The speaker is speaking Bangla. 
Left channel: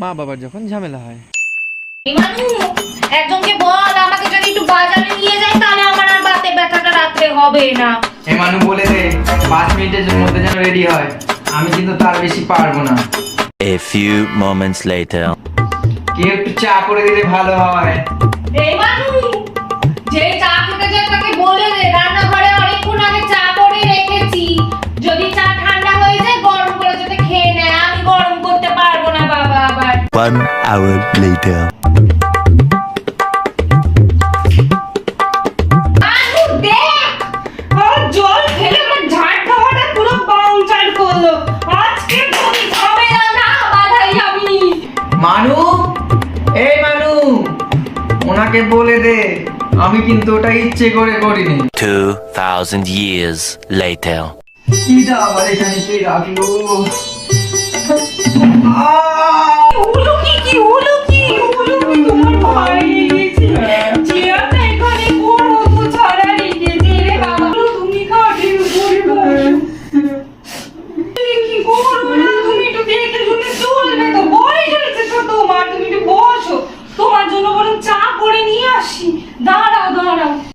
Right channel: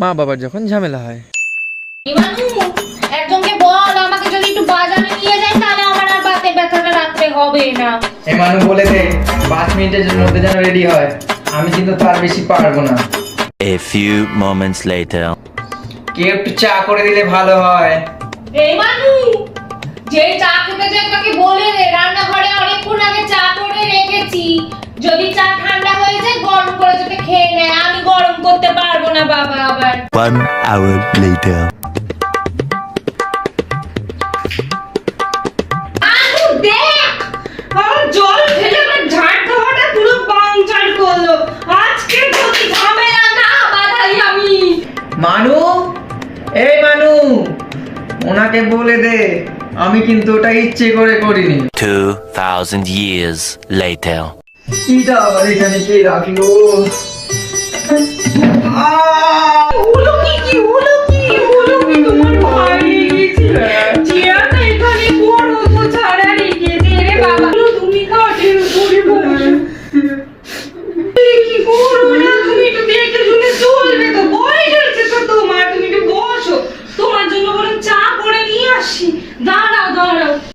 মা বাবার যখন ঝামেলা হয়। মানু একজনকে বল আমাকে যদি একটু বাজারে নিয়ে যায় তাহলে আমার আর বাতে ব্যথাটা রাখতে হবে না। মানু বলে দে 5 মিনিটের মধ্যে যেন রেডি হয়, আমি কিন্তু তার বেশি পারবো না। A few moments later. কেউ একটু চা করে দিলে ভালো হয়। এই মানু যে চা খেতে যায় তাকে বলে দে রান্নাঘরে অনেকক্ষণ আগে চা করে রেখেছি, যদি চা ঠান্ডা হয়ে যায় গরম করে যাতে খেয়ে নেয়, আমি গরম করতে পারবো না বাবা আবার। 1 hour later. আলু দেখ আর জল ফেলে আমার ঝাড় দেওয়াটা পুরো বাংচার করলো, আজকে যদি ঝামেলা না বাঁধাই আমি। মানু, এই মানু, ওনাকে বলে দে আমি কিন্তু ওটা ইচ্ছে করে করিনি। 2000 years later. এটা আবার এখানে কে রাখলো?